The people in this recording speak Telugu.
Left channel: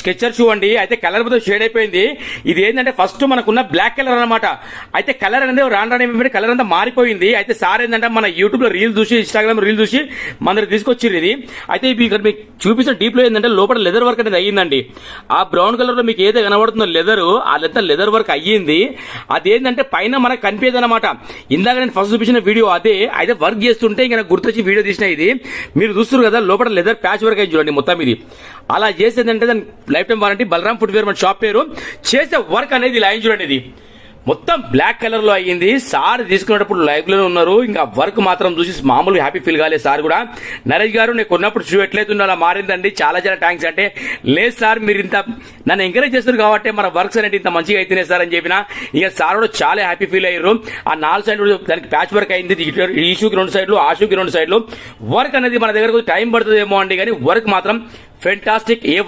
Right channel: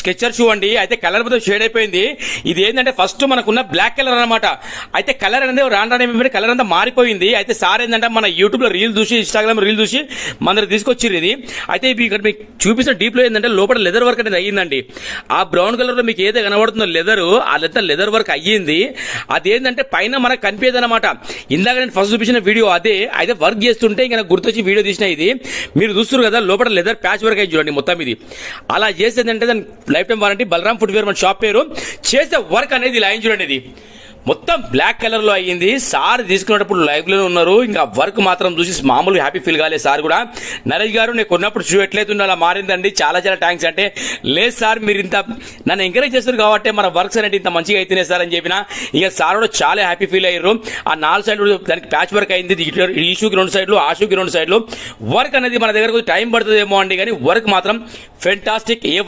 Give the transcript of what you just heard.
స్కెచర్ షూ అండి. అయితే కలర్ మొత్తం షేడ్ అయిపోయింది. ఇది ఏంటంటే ఫస్ట్ మనకున్న బ్లాక్ కలర్ అనమాట. అయితే కలర్ అనేది రాను కలర్ అంతా మారిపోయింది. అయితే సార్ ఏంటంటే మన యూట్యూబ్ లో రీల్ చూసి, ఇన్స్టాగ్రామ్ రీల్ చూసి మన దగ్గర తీసుకొచ్చిర్రు ఇది. అయితే ఇక్కడ మీకు చూపించిన డీప్ లో ఏంటంటే లోపల లెదర్ వర్క్ అనేది అయ్యిందండి. ఆ బ్రౌన్ కలర్ లో మీకు ఏదైతే కనబడుతుందో లెదర్, ఆ లెదర్ వర్క్ అయ్యింది. అదేంటంటే పైన మనకు కనిపించదు అనమాట. ఇందాక నేను ఫస్ట్ చూపించిన వీడియో అదే. అయితే వర్క్ చేస్తుంటే ఇంకా గుర్తొచ్చి వీడియో తీసిన ఇది. మీరు చూస్తారు కదా లోపల లెదర్ ప్యాచ్ వర్క్ అయ్యి చూడండి మొత్తం ఇది. అలా చేసేదంటే దాని lifetime warranty. Balaram footwear మన షాప్ పేరు. చేసే వర్క్ అనేది ఇలా చూడండి. ఇది మొత్తం బ్లాక్ కలర్ లో అయ్యింది. సార్ తీసుకునేటప్పుడు లైవ్ లో ఉన్నారు. ఇంకా వర్క్ మాత్రం చూసి మామూలుగా హ్యాపీ ఫీల్ కాలేదు సార్ కూడా. నరేష్ గారు నేను కొన్నప్పుడు షూ ఎట్లయితుందో అలా మారిందండి. చాలా చాలా థ్యాంక్స్. అంటే లేదు సార్ మీరు ఇంత నన్ను ఎంకరేజ్ చేస్తారు కాబట్టి మన వర్క్స్ అనేది ఇంత మంచిగా అయితేనే సార్ అని చెప్పిన. ఇక సార్ కూడా చాలా హ్యాపీ ఫీల్ అయ్యారు. ఆ 4 సైడ్లు దానికి ప్యాచ్ వర్క్ అయింది. ఈ షూకి 2 సైడ్లు, ఆ షూకి 2 సైడ్లు. వర్క్ అనేది మన దగ్గర టైం పడుతుందేమో అండి, కానీ వర్క్ మాత్రం ఫెంటాస్టిక్.